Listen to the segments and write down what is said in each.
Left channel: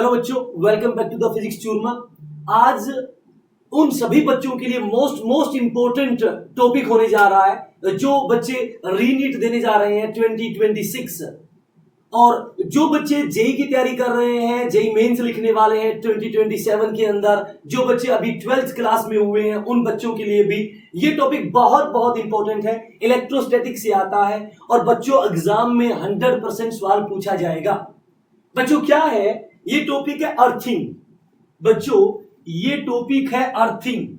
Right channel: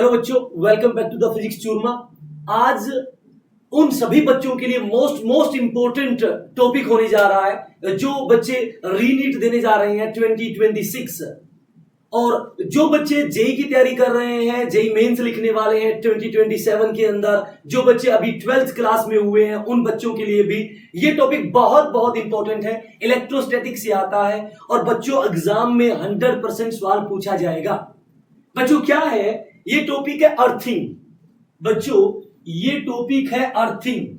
Hello बच्चों, welcome back to the physics Churma. आज उन सभी बच्चों के लिए मोस्ट इंपोर्टेंट टॉपिक होने जा रहा है जो बच्चे रीनीट देने जा रहे हैं 2026 और जो बच्चे जेई की तैयारी कर रहे हैं, जेई मेंस लिखने वाले हैं 2027 के अंदर, जो बच्चे अभी 12th क्लास में हुए हैं उन बच्चों के लिए भी ये टॉपिक बहुत इंपॉर्टेंट है। इलेक्ट्रोस्टैटिक से आता है और बच्चों एग्जाम में 100% सवाल पूछा जाएगा। बच्चों क्या है ये टॉपिक? है अर्थिंग। बच्चों ये टॉपिक है अर्थिंग।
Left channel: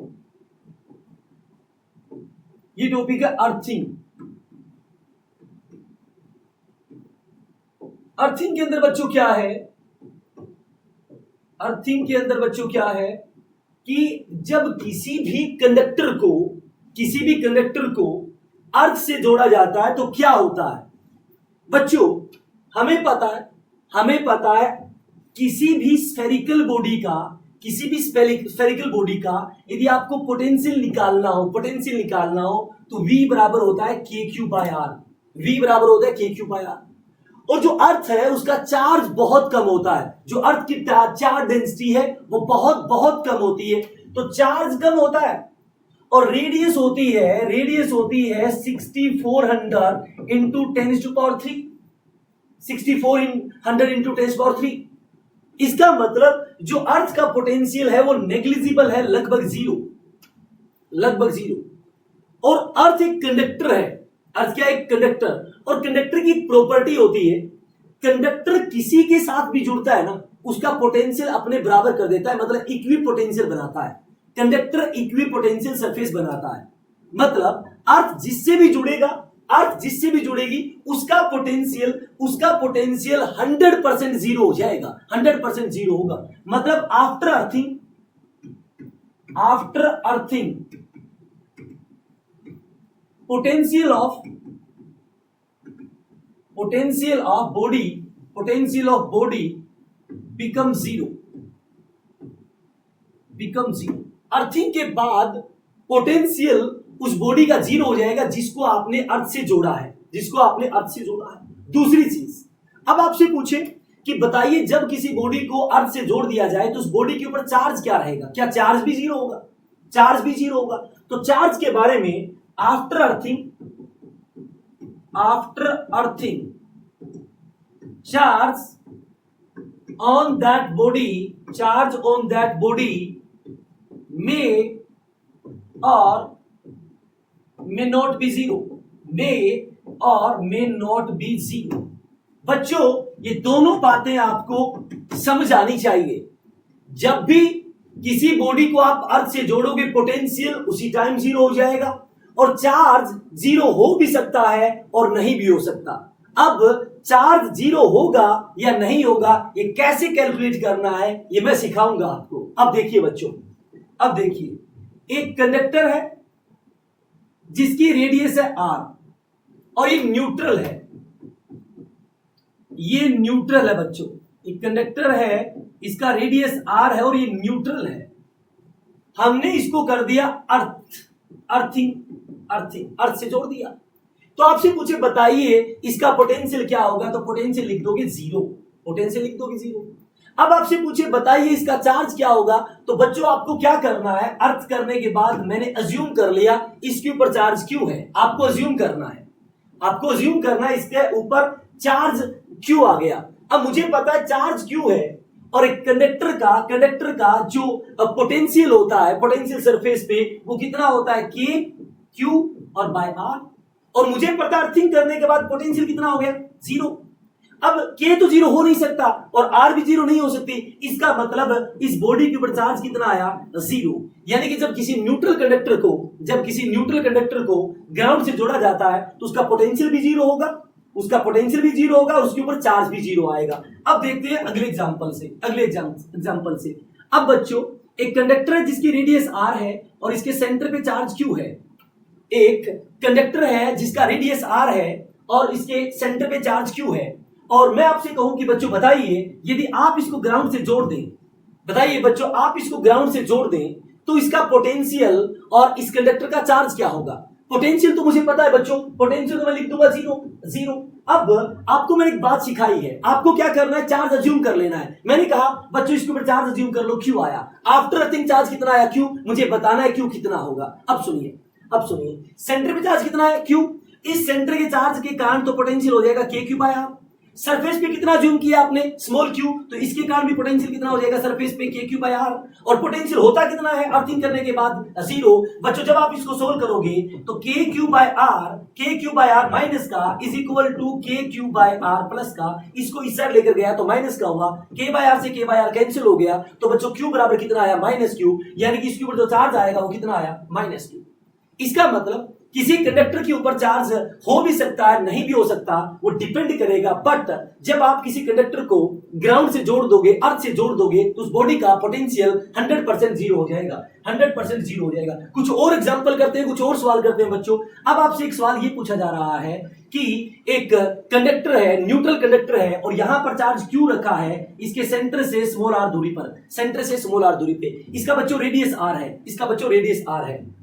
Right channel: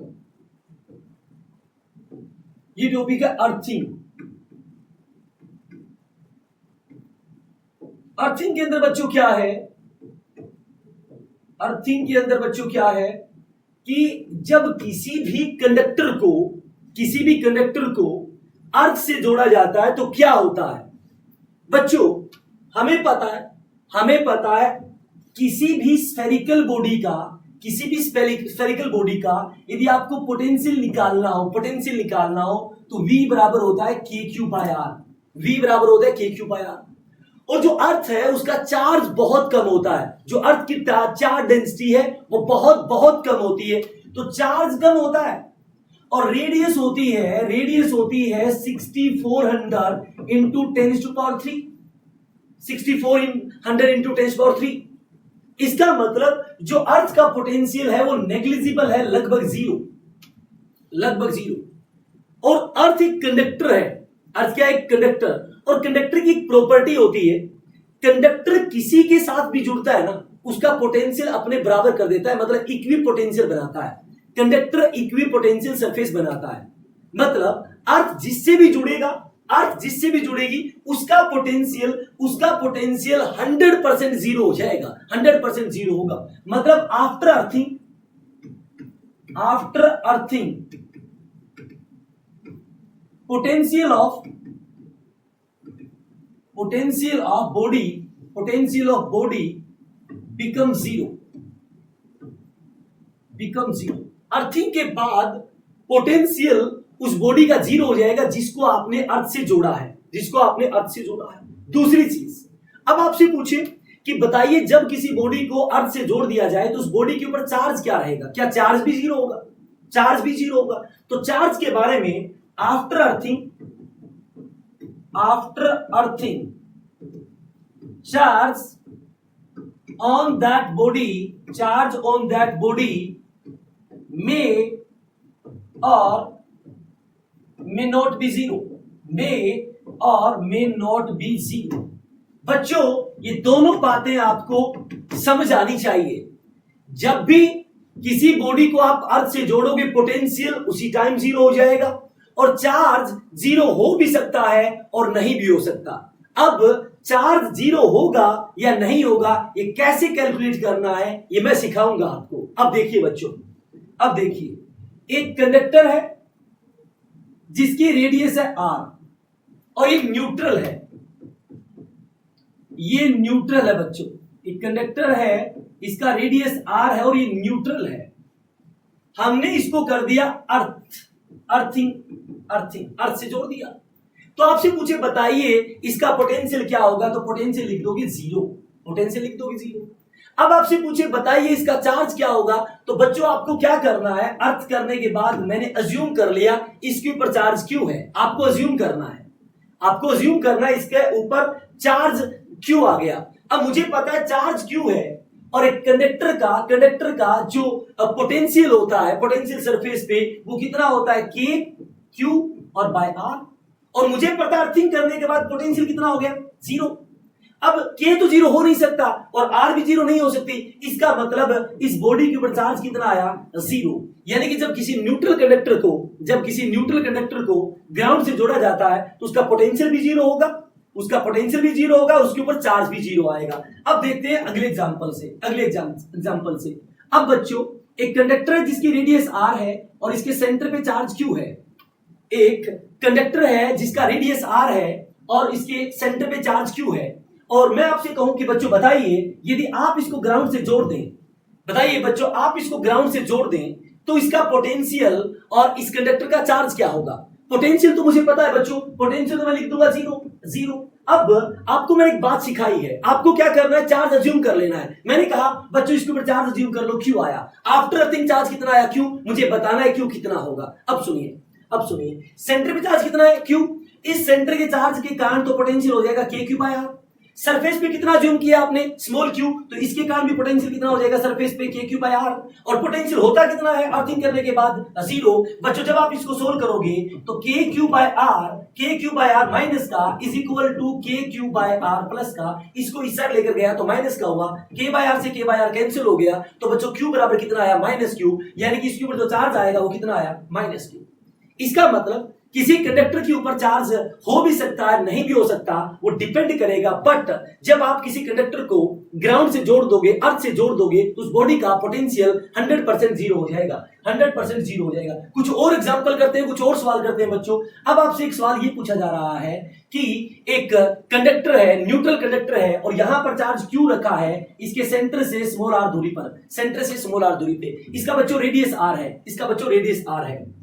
ये टॉपिक है अर्थिंग। अर्थिंग के अंदर बच्चों क्या है? अर्थिंग के अंदर बच्चों क्या है कि जब किसी भी कंडक्टर को अर्थ से जोड़ा जाता है तो क्या होता है? बच्चों हमें पता है किसी भी स्फेरिकल बॉडी का यदि आपको पोटेंशियल निकालना हो तो V बराबर होता है KQ बाय R। और जो अर्थ है उसका चार्ज बहुत कम होता है। जो अर्थ की चार्ज डेंसिटी है वो बहुत कम होती है, तो चार्ज कम होता है। और रेडियस होती है 6400 इंटू 10⁻³ 6400 इंटू 10⁻³ इसका मतलब जो अर्थ का पोटेंशियल है वो नेग्लिजिबल है, लगभग जीरो। और अर्थ एक कंडक्टर है। अर्थ क्या है? एक कंडक्टर। और कंडक्टर की एक प्रॉपर्टी होती है, कंडक्टर किसी के साथ भी जुड़ता है ना उसका पोटेंशियल अपने बराबर कर देता है, मतलब इक्वी पोटेंशियल बनाता है। कंडक्टर इक्वी पोटेंशियल सरफेस बनाता है, मतलब अर्थ जिससे भी जुड़ेगी उसका पोटेंशियल 100% जीरो हो जाएगा, 100% जीरो होगा। मतलब after earthing potential of body become zero. Earthing के बाद पोटेंशियल उस बॉडी का जीरो हो जाएगा जिसको आपने अर्थ से जोड़ा है। दूसरी चीज, अब आपसे पूछे कि बताइए जब किसी बॉडी को अर्थ से जोड़ दिया जाए तो उस बॉडी के ऊपर चार्ज क्या रहेगा? क्या चार्ज भी जीरो होगा? तो चार्ज के बारे में after earthing charge on that body may not be zero। बच्चों ये दोनों बातें आपको समझ आनी चाहिए। जब भी किसी बॉडी को आप अर्थ से जोड़ोगे पोटेंशियल उसी टाइम जीरो हो जाएगा, और चार्ज जीरो हो भी सकता है और नहीं भी हो सकता। अब चार्ज जीरो होगा या नहीं होगा ये कैसे कैलकुलेट करना है ये मैं सिखाऊंगा आपको। अब देखिए बच्चों, एक कंडक्टर है जिसकी रेडियस है R और एक न्यूट्रल है। ये न्यूट्रल है बच्चों। एक कंडक्टर है, इसका रेडियस R है और ये न्यूट्रल है। हमने इसको कर दिया अर्थिंग, अर्थ से जोड़ दिया। तो आपसे पूछे बताइए इसका पोटेंशियल क्या होगा, तो पोटेंशियल लिख दोगे जीरो। अब आपसे पूछे बताइए इसका चार्ज क्या होगा, तो बच्चों आपको क्या करना है? अर्थ करने के बाद मैंने अज्यूम कर लिया इसके ऊपर चार्ज क्यों है। आपको अज्यूम करना है इसके ऊपर चार्ज क्यों आ गया। अब मुझे पता है चार्ज क्यों है, और एक कंडक्टर का जो पोटेंशियल होता है पोटेंशियल सरफेस पे वो कितना होता है? K Q और बाय R। और मुझे पता अर्थिंग करने के बाद पोटेंशियल कितना हो गया? जीरो। अब K तो जीरो हो नहीं सकता और R भी जीरो नहीं हो सकती, इसका मतलब इस बॉडी के ऊपर चार्ज कितना आया? जीरो। यानी कि जब किसी न्यूट्रल कंडक्टर को ग्राउंड से जोड़ा जाता है तो उसका पोटेंशियल भी जीरो होगा, उसके ऊपर चार्ज भी जीरो आएगा। अब देखते हैं अगले एग्जांपल से। अब बच्चों एक कंडक्टर है जिसकी रेडियस R है और इसके सेंटर पे चार्ज Q है। एक कंडक्टर है जिसका रेडियस R है और इसके सेंटर पे चार्ज Q है। और मैं आपसे कहूं कि बच्चों बताइए यदि आप इसको ग्राउंड से जोड़ दें, तो इसका पोटेंशियल और इस कंडक्टर का चार्ज क्या होगा? पोटेंशियल तो मुझे पता है बच्चों, पोटेंशियल तो मैं लिख दूंगा जीरो। अब आपको मैंने एक बात सिखाई है, आपको क्या करना है, चार्ज अज्यूम कर लेना है। मैंने कहा बच्चों इसके ऊपर चार्ज अज्यूम कर लो, क्यू आया। आफ्टर अर्थिंग चार्ज कितना आया, क्यू। मुझे बताना है क्यू कितना होगा। अब सुनिए सेंटर पे चार्ज कितना है, क्यू। इस सेंटर के चार्ज के कारण तो पोटेंशियल हो जाएगा के क्यू बाय आर। सरफेस पे कितना अज्यूम किया आपने, स्मॉल क्यू, तो इसके कारण भी पोटेंशियल कितना हो जाएगा सरफेस पे, के क्यू बाय आर। और पोटेंशियल होता कितना है अर्थिंग करने के बाद, जीरो। बच्चों जब आप इसको सोल्व करोगे तो K Q by are minus का इज इक्वल टू के क्यू बाय आर प्लस का, इसको इस साइड लेकर गया तो माइनस का हुआ, के बाय आर से के बाय आर कैंसिल हो गया, तो बच्चों क्यू बराबर कितना आया, माइनस क्यू। यानी कि इसके ऊपर जो चार्ज आएगा वो कितना आया, माइनस क्यू। इसका मतलब किसी कंडक्टर के ऊपर चार्ज हो भी सकता है, नहीं भी हो सकता, वो डिपेंड करेगा। बट जब आप किसी कंडक्टर को ग्राउंड से जोड़ दोगे, अर्थ से जोड़ दोगे, तो उस बॉडी का पोटेंशियल 100% जीरो हो जाएगा, 100% जीरो हो जाएगा। कुछ और एग्जांपल करते हैं, कुछ और सवाल करते हैं बच्चों। अब आपसे एक सवाल ये पूछा जा रहा है कि एक कंडक्टर है, न्यूट्रल कंडक्टर है, और यहां पर चार्ज क्यू रखा है इसके सेंटर से स्मॉल आर दूरी पर, सेंटर से स्मॉल आर दूरी पे। इसका बच्चों रेडियस आर है, इसका बच्चों रेडियस आर है।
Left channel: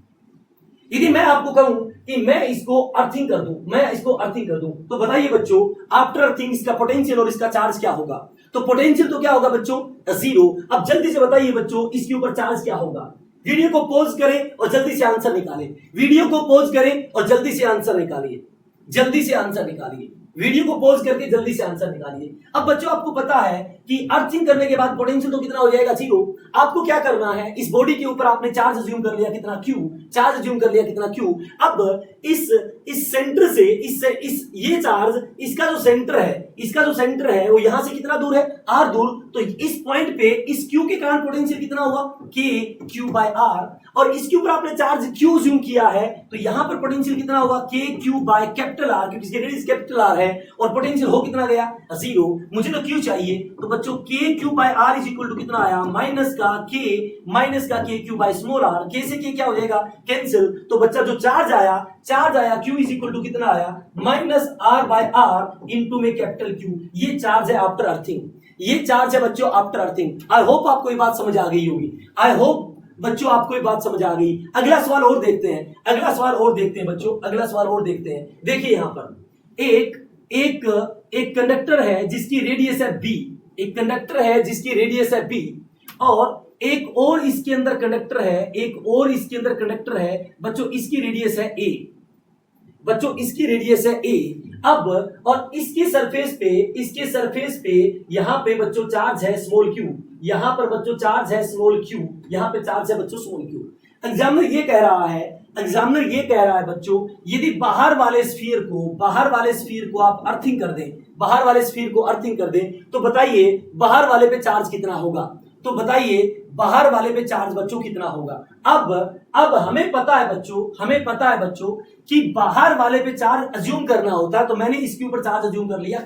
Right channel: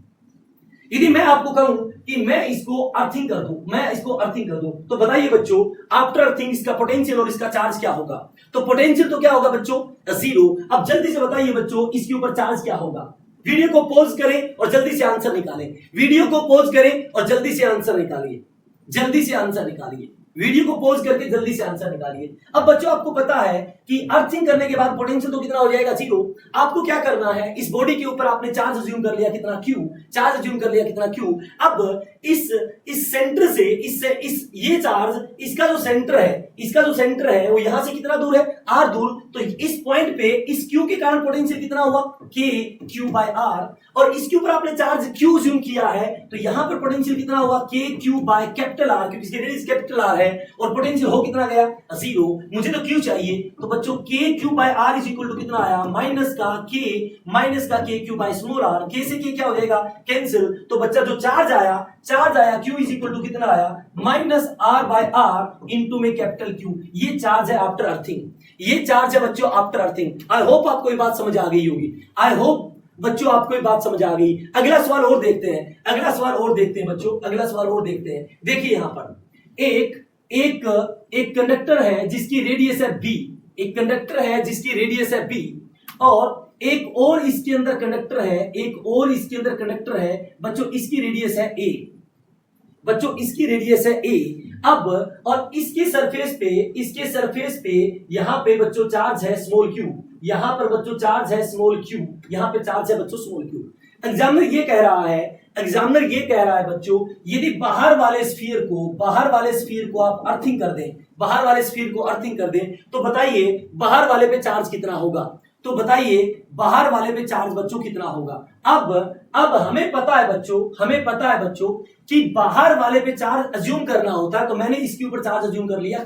यदि मैं आपको कहूं कि मैं इसको अर्थिंग कर दूं, तो बताइए बच्चों आफ्टर अर्थिंग इसका पोटेंशियल और इसका चार्ज क्या होगा। तो पोटेंशियल तो क्या होगा बच्चों, जीरो। अब जल्दी से बताइए बच्चों इसके ऊपर चार्ज क्या होगा। वीडियो को पॉज करें और जल्दी से आंसर निकालें, वीडियो को पॉज करें और जल्दी से आंसर निकालिए, जल्दी से आंसर निकालिए, वीडियो को पॉज करके जल्दी से आंसर निकालिए। अब बच्चों आपको पता है कि अर्थिंग करने के बाद पोटेंशियल तो कितना हो जाएगा, जीरो। आपको क्या करना है, इस बॉडी के ऊपर आपने चार्ज अज्यूम कर लिया कितना, क्यू। चार्ज अज्यूम कर लिया कितना, क्यू। अब इस सेंटर से ये चार्ज, इसका जो सेंटर है वो यहां से कितना दूर है, आर दूर। तो इस पॉइंट पे इस क्यू के कारण पोटेंशियल कितना हुआ, के क्यू बाय आर। और इसके ऊपर आपने चार्ज क्यू अज्यूम किया है, तो यहां पर पोटेंशियल कितना हुआ, के क्यू बाय कैपिटल आर, क्योंकि इसकी रेडियस कैपिटल आर है, और पोटेंशियल हो कितना गया, जीरो। मुझे तो क्यू चाहिए, तो बच्चों K Q by R is equal to कितना आया, माइनस का K Q by small are. के से के क्या हो जाएगा, कैंसिल। तो बच्चा जो चार्ज आया क्यू इज इक्वल टू कितना आया, minus R by R into में कैपिटल क्यू। ये चार्ज है आफ्टर अर्थिंग, ये चार्ज है बच्चों आफ्टर अर्थिंग। आई होप आपको ये बात समझ आ गई होगी, आई होप बच्चों आपको ये बात समझ आ गई। अगला सवाल और देखते हैं, बच्चों अगला सवाल और देखते हैं। देखिए यहां पर एक कंडक्टर है जिसकी रेडियस है बी, एक कंडक्टर है जिसकी रेडियस है बी, और एक और इसके अंदर कंडक्टर है, बच्चों इसकी रेडियस है ए, इसकी रेडियस है ए। अब और इसके सरफेस पे यहां पे बच्चों चार्ज है स्मॉल क्यू, यहां पर बच्चों चार्ज है स्मॉल क्यू, यहां पे चार्ज है बच्चों स्मॉल क्यू। एग्जामिनर ये कह रहा है बच्चों, यदि बाहर वाले स्फीयर को आप अर्थिंग कर दें, तो बताइए बाहर वाले पे चार्ज कितना होगा। तो बताइए बाहर वाले पे चार्ज बच्चों कितना होगा। अब हमें पता है बच्चों कि बाहर वाले पे चार्ज अज्यूम करना होता है, तो मैंने इसके ऊपर चार्ज अज्यूम कर लिया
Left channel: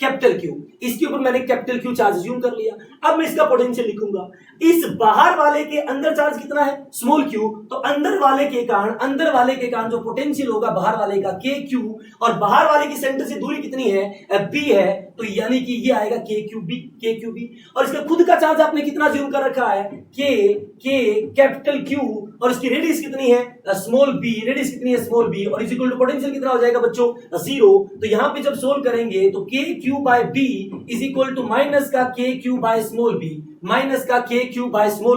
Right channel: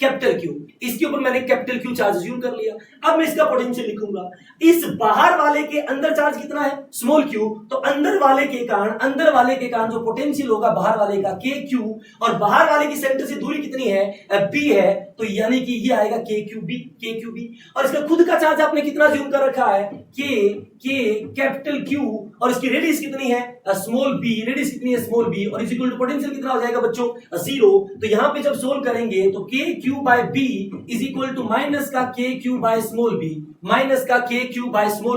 कैपिटल क्यू, इसके ऊपर मैंने कैपिटल क्यू चार्ज अज्यूम कर लिया। अब मैं इसका पोटेंशियल लिखूंगा। इस बाहर वाले के अंदर चार्ज कितना है, स्मॉल क्यू, तो अंदर वाले के कारण जो पोटेंशियल होगा बाहर वाले का के क्यू, और बाहर वाले की सेंटर से दूरी कितनी है, बी है, तो यानी कि ये आएगा के क्यू बी। और इसका खुद का चार्ज आपने कितना अज्यूम कर रखा है, के कैपिटल क्यू, और इसकी रेडियस कितनी है, स्मॉल बी, और इज इक्वल टू पोटेंशियल कितना हो जाएगा बच्चों, जीरो। तो यहां पे जब सोल्व करेंगे तो K Q by B is equal to minus का K Q by small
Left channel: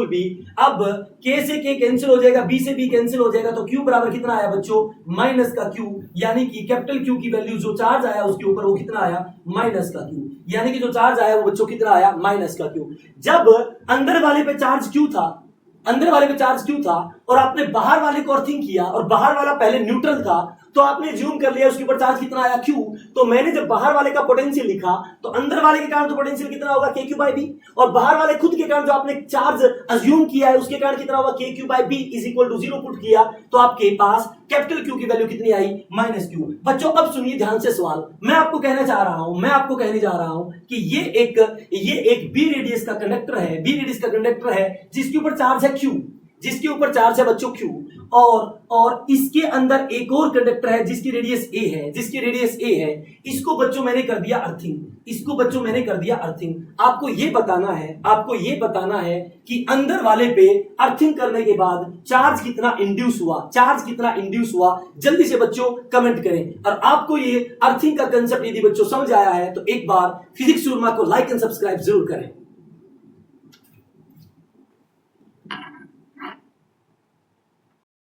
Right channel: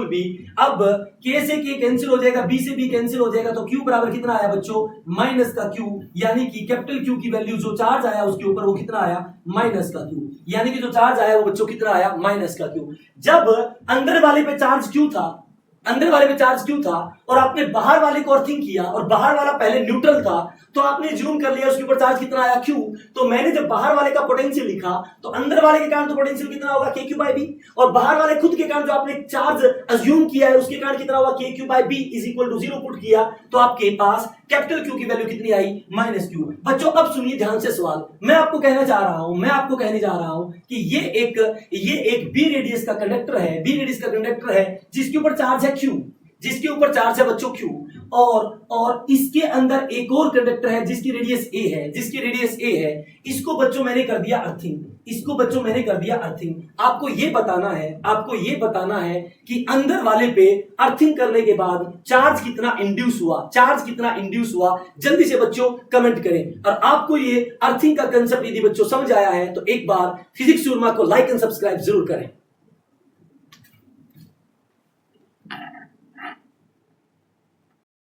B, अब के से के कैंसिल हो जाएगा, बी से बी कैंसिल हो जाएगा, तो क्यू बराबर कितना आया बच्चों, माइनस का क्यू। यानी कि कैपिटल क्यू की वैल्यू जो चार्ज आया उसके ऊपर वो कितना आया, माइनस का क्यू। यानी कि जो चार्ज आया वो बच्चों कितना आया, माइनस का क्यू। जब अंदर वाले पे चार्ज क्यू था और आपने बाहर वाले को अर्थिंग किया, और बाहर वाला पहले न्यूट्रल था, तो आपने जूम कर लिया उसके ऊपर चार्ज कितना आया, क्यू। तो मैंने जब बाहर वाले का पोटेंशियल लिखा, तो अंदर वाले के कारण तो पोटेंशियल कितना होगा, के क्यू बाय बी, और बाहर वाले खुद के कारण जो आपने चार्ज अज्यूम किया है उसके कारण कितना होगा, K Q by B is equal to zero put किया, तो आपके पास कैपिटल क्यू की वैल्यू कितनी आई, माइनस क्यू। बच्चों अब सुनिए ध्यान से सवाल, मैं आपको कहने जा रहा हूं कि ये एक बी रेडियस का कंडक्टर है, जिसके ऊपर चार्ज है क्यू, बच्चों क्यू, और इसके अंदर एक और कंडक्टर है जिसकी रेडियस ए है, इसको बच्चों मैंने कर दिया अर्थिंग। आपको ये बताना है कि अंदर वाले पे अर्थिंग करने के बाद चार्ज कितना इंड्यूस हुआ, जल्दी से बच्चों कमेंट करें। और आपको ये अर्थिंग का कंसेप्ट यदि बच्चों समझ आया है तो एक बार फिजिक्स शूरमा को लाइक एंड सब्सक्राइब जरूर करें।